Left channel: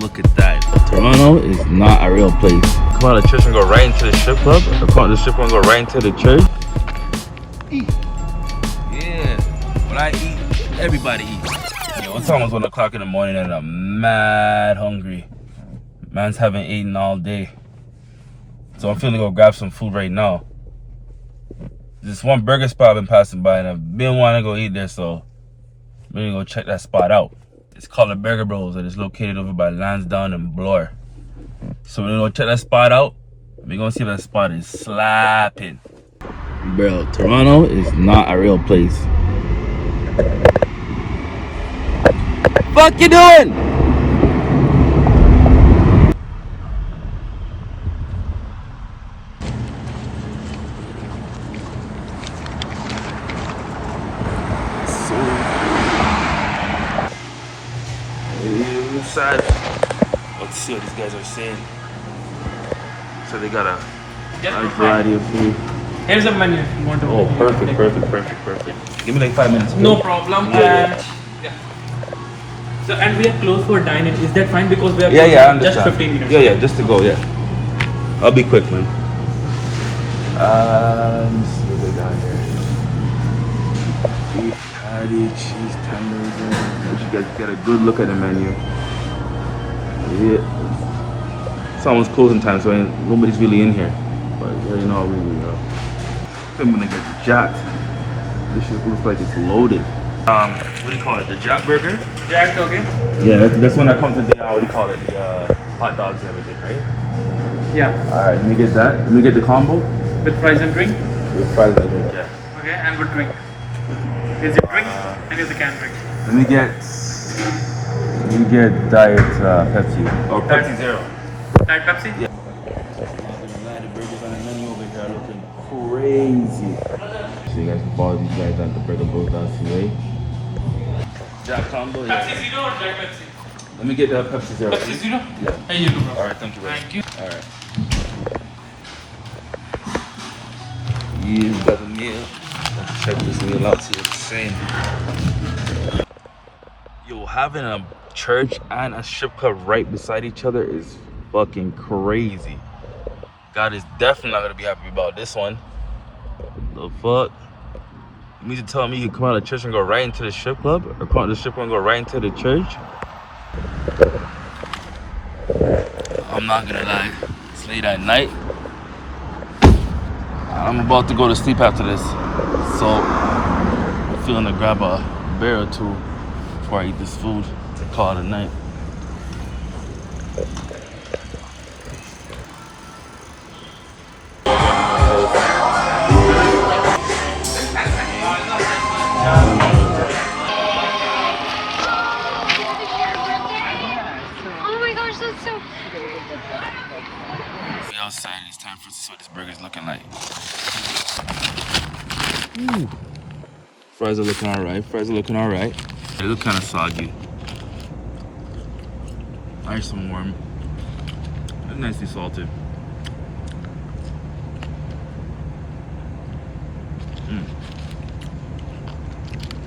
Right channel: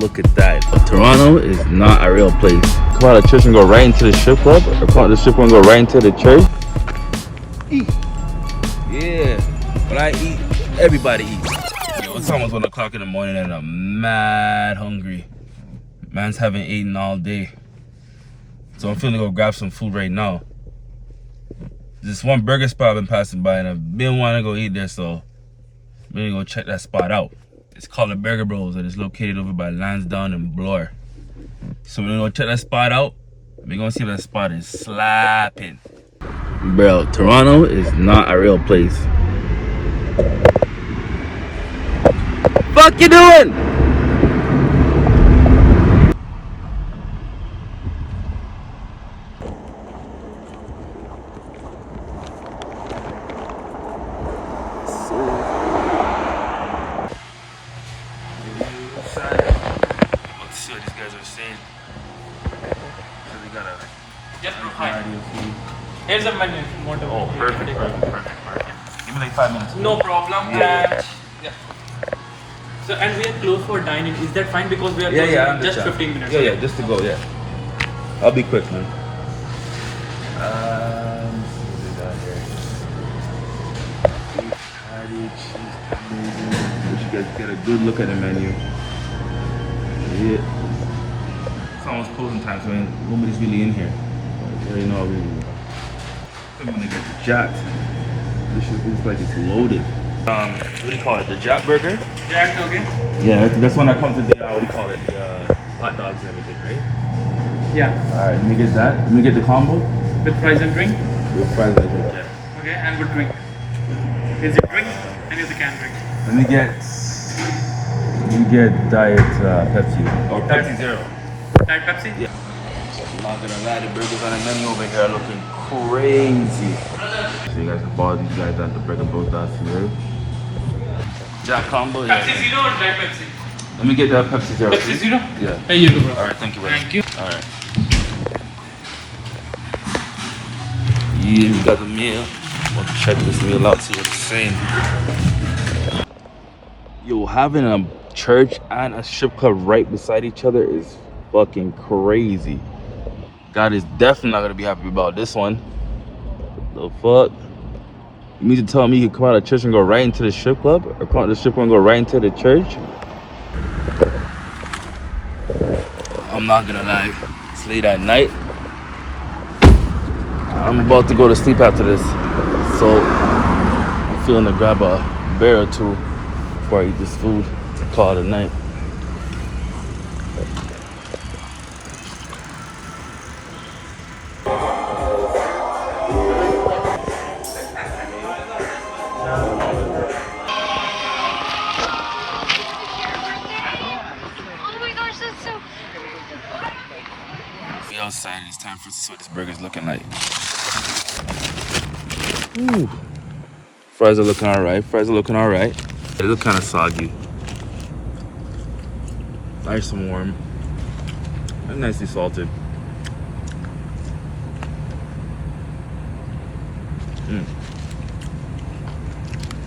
Look at that. Toronto is not a real place. Politicians go right into the strip club. The strip club go right into the church. Yeah. When I eat, everybody eats. Yo, it's almost 1 o'clock in the morning and I'm mad hungry. Man's haven't eaten all day. So I'm finna go grab some food right now. This one burger spot I've been passing by and I've been wanting to go eat there, so I'm gonna go check that spot out. It's called the Burger Bros and it's located over by Lansdowne and Bloor. So we're gonna go check that spot out. We're gonna see if that spot is slapping. Bro, Toronto is not a real place. Fuck you doing? Inside. Let's see what these guys are saying. So they got a nice variety of food. Here's a menu if you want to. Oh, perfect. Give me like 5 minutes. No problem. Yeah. Yeah. So, and we are closed for dining. Is that fine? Because we are closed I for just understand. 15 minutes. Yeah, just to go, yeah. I'll be quick, man. Let me see what they got here. Beef patty, cheese tenders. You guys get a good look at the menu. Yeah. It's almost closing time, so nobody's really in here. But you know, I'm gonna get jacked. This shit looks like it's loaded. What do you call it? The Jack Burger? Jack, okay? Yeah, that's one that comes with the, what do you call it? The hot dogs and everything, right? Yeah. Alright, let me get that. Let me get the combo. With fries and drink? With fries, I think, yeah. Okay, and with drink. Is it drink and is it can drink? Let me get Diet Pepsi. Or Pepsi Zero. Diet Pepsi? Yeah. I'm not gonna lie, the burgers on the menu over here are looking crazy. So you guys can follow these guys at the Burger Bros today. Jack combo, yeah. Pepsi Zero or Diet Pepsi? Let me get that Pepsi Zero. Pepsi Zero? Yeah. Here you go, bro. Alright, thank you, bro. Thank you. Alright. Yeah, we got the meal. Let's check this meal out, see what it's saying. Yo, having a church and a strip club right beside each other is fucking crazy. God is definitely not gonna be happy about this one. The fuck? You mean to tell me you come out of church and go right into the strip club? Or come out of the strip club and go right into the church? I'm not gonna lie, it's late at night. I'm about to go to sleep after this. So, I'm feeling to grab a beer or two before I eat this food. Call it a night. We outside, it's time for us to see what this burger's looking like. Ooh. Fries are looking alright. They look kind of soggy. Nice and warm. And nicely salted.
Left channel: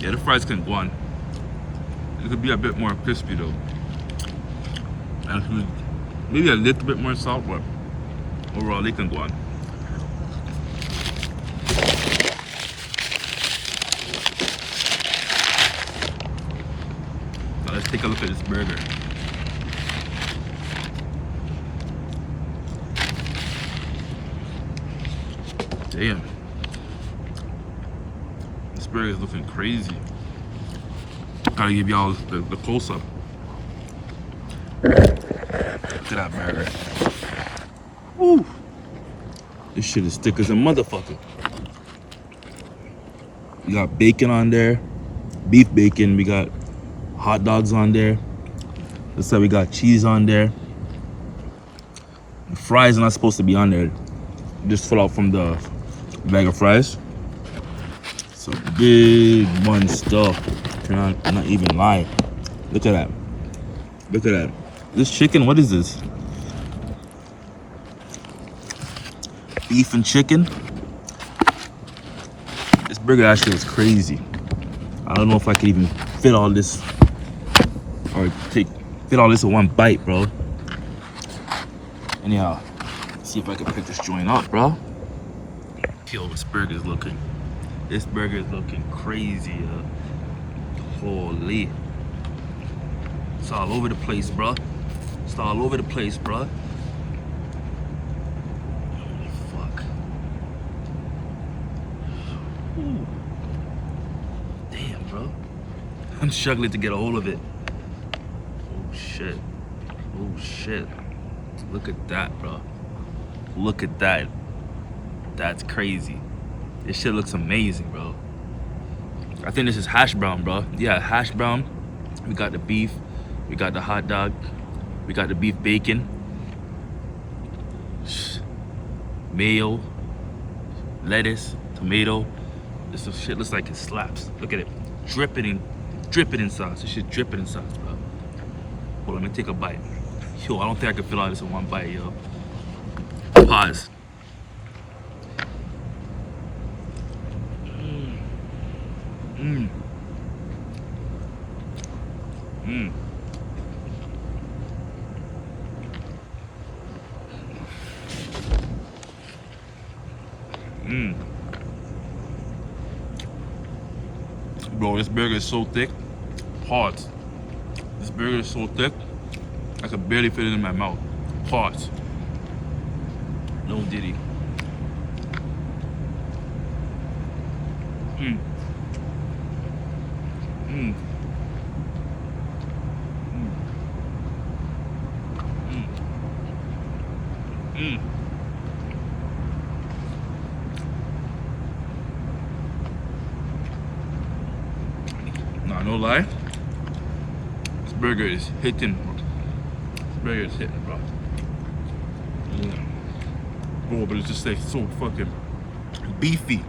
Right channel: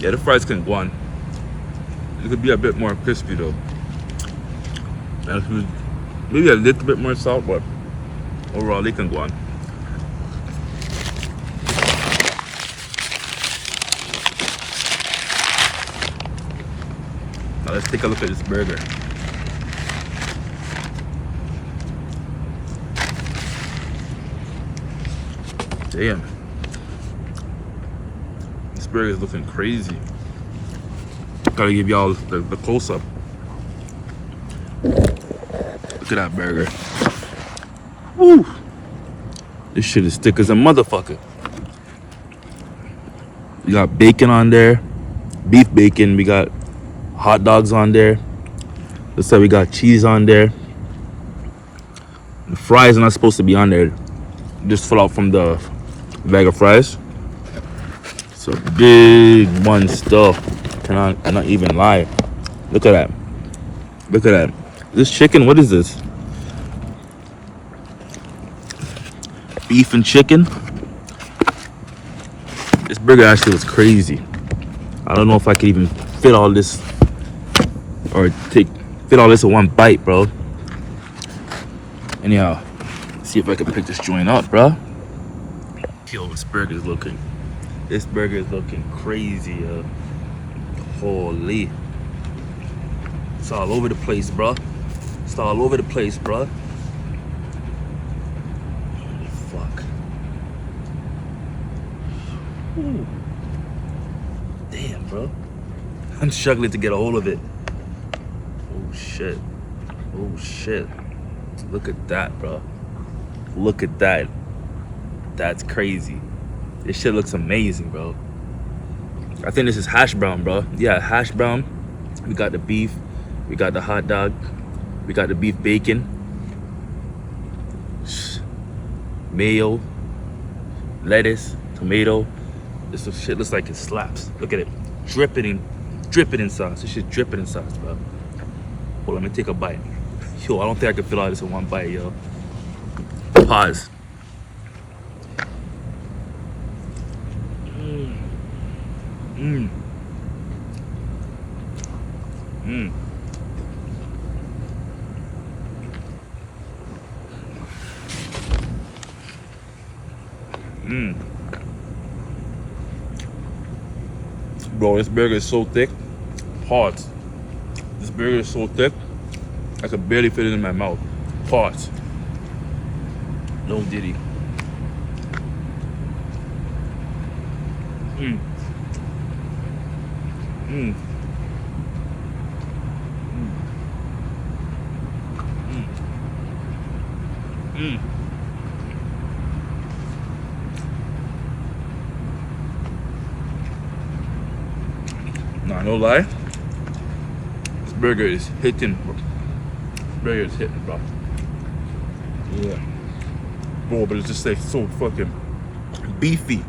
Yeah, the fries can go on. It could be a bit more crispy though. Maybe a little bit more salt, but overall they can go on. Now let's take a look at this burger. Damn. This burger is looking crazy. Gotta give y'all the close-up. Look at that burger. Woo! This shit is thick as a motherfucker. We got bacon on there. Beef bacon. We got hot dogs on there. Looks like we got cheese on there. The fries are not supposed to be on there. Just full out from the bag of fries. It's a big one stuff. Cannot not even lie. Look at that. Look at that. This chicken, what is this? Beef and chicken. This burger actually was crazy. I don't know if I could even fit all this or fit fit all this in one bite, bro. Anyhow, see if I can pick this joint up, bro. Yo, this burger is looking. This burger is looking crazy, yo. Holy. It's all over the place, bro. It's all over the place, bro. Holy fuck. Ooh. Damn, bro. I'm struggling to get a hold of it. Oh shit. Oh shit. Look at that, bro. Look at that. That's crazy. This shit looks amazing, bro. I think this is hash brown, bro. Yeah, hash brown. We got the beef. We got the hot dog. We got the beef bacon. Mayo. Lettuce. Tomato. This shit looks like it slaps. Look at it. Dripping in sauce. This shit dripping in sauce, bro. Hold on, let me take a bite. Yo, I don't think I can fill all this in one bite, yo. Pause. Mmm. Mmm. Mmm. Bro, this burger is so thick. Pause. This burger is so thick, I could barely fit it in my mouth. Pause. No diddy. Mmm. Mmm. Mmm. Mmm. Nah, no lie. This burger is hitting, bro. This burger is hitting, bro. Yeah. Bro, but it's just like so fucking beefy.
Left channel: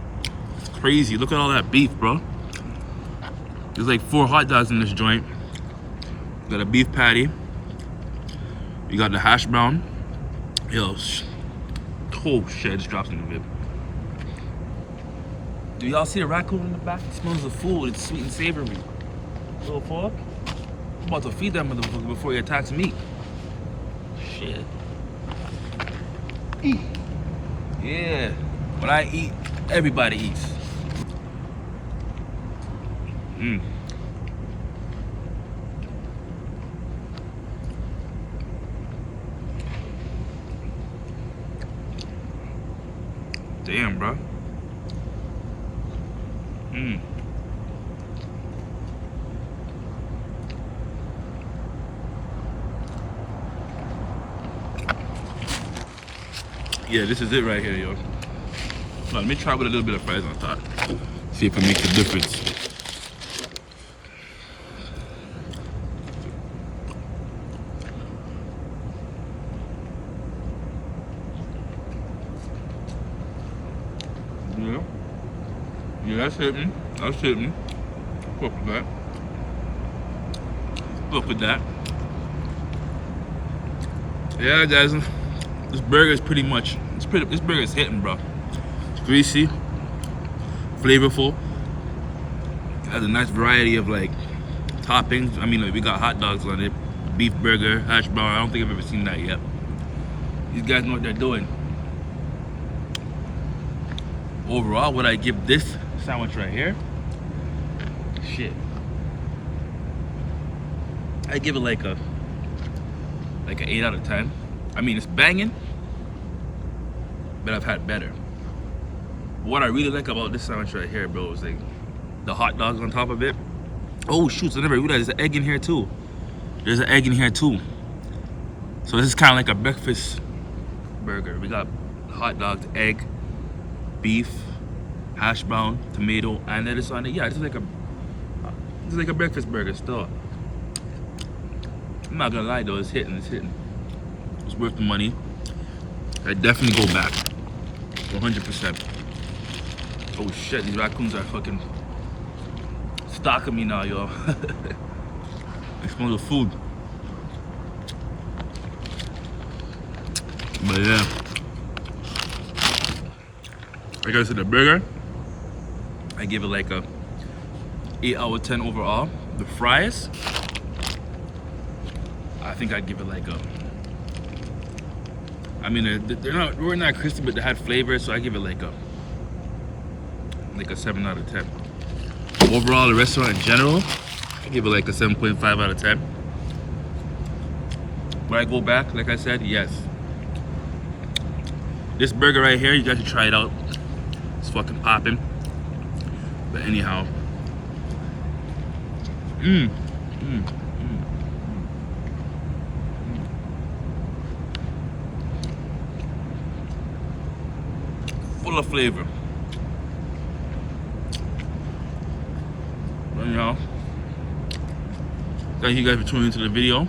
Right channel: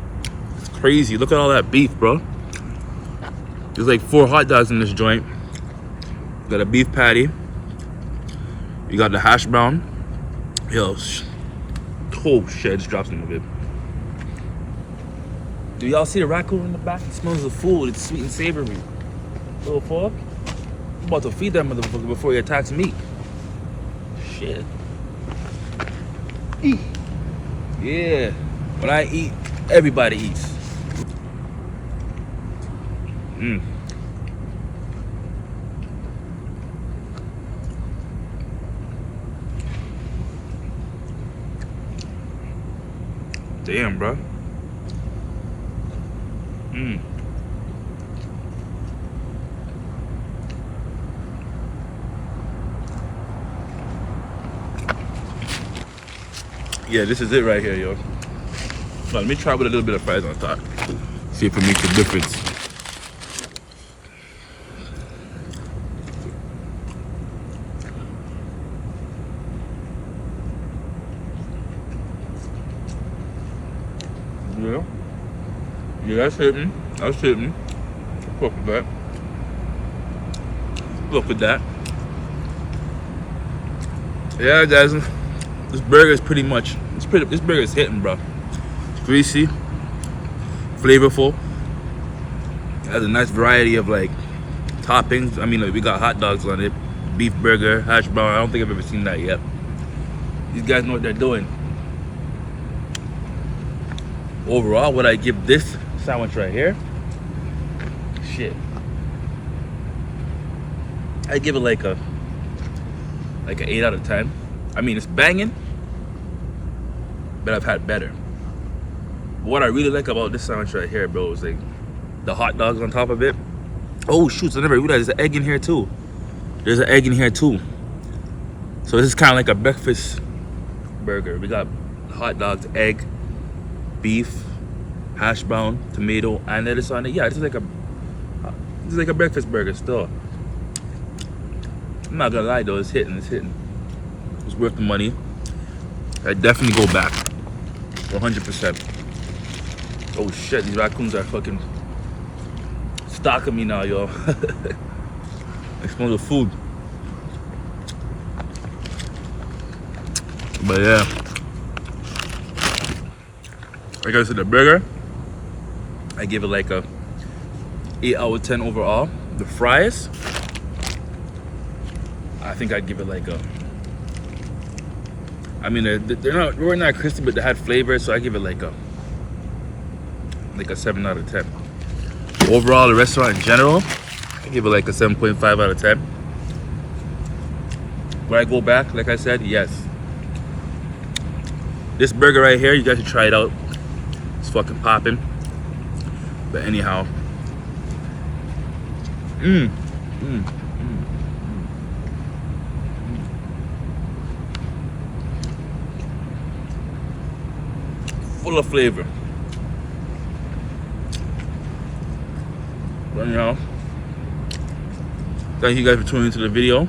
It's crazy. Look at all that beef, bro. There's like 4 hot dogs in this joint. You got a beef patty. You got the hash brown. Yo, oh shit, I just dropped some of it. Do y'all see the raccoon in the back? It smells the food. It's sweet and savory. Little fuck. I'm about to feed that motherfucker before he attacks me. Shit. Yeah. When I eat, everybody eats. Mmm. Damn, bro. Mmm. Yeah, this is it right here, yo. Now, let me try with a little bit of fries on top. See if it makes a difference. Yeah. Yeah, that's hitting. That's hitting. Fuck with that. Fuck with that. Yeah, guys. This burger is pretty much, this burger is hitting, bro. It's greasy, flavorful. It has a nice variety of like toppings. I mean, like, we got hot dogs on it, beef burger, hash brown. I don't think I've ever seen that yet. These guys know what they're doing. Overall, what I give this sandwich right here, shit, I give it like an 8 out of 10. I mean, it's banging, but I've had better. What I really like about this sandwich right here, bro, is like the hot dogs on top of it. Oh shoot, so I never realized there's an egg in here too. There's an egg in here too. So this is kind of like a breakfast burger. We got hot dogs, egg, beef, hash brown, tomato, and lettuce on it. Yeah, this is like a breakfast burger still. I'm not gonna lie though, it's hitting. It's worth the money. I definitely go back, 100%. Oh shit, these raccoons are fucking stalking me now, yo. I smell the food. But yeah, like I said, the burger, I give it like a 8 out of 10 overall. The fries, I think I'd give it like a. I mean, they weren't that crispy, but they had flavor, so I give it like a 7 out of 10. Overall, the restaurant in general, I give it like a 7.5 out of 10. Would I go back? Like I said, yes. This burger right here, you guys should try it out. It's fucking popping. But anyhow, full of flavor. But anyhow, thank you guys for tuning into the video.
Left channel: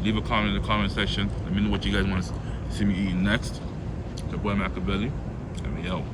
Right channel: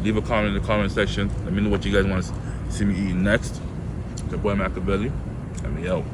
Leave a comment in the comment section. Let me know what you guys want to see me eating next. It's your boy Machiavelli, and we out.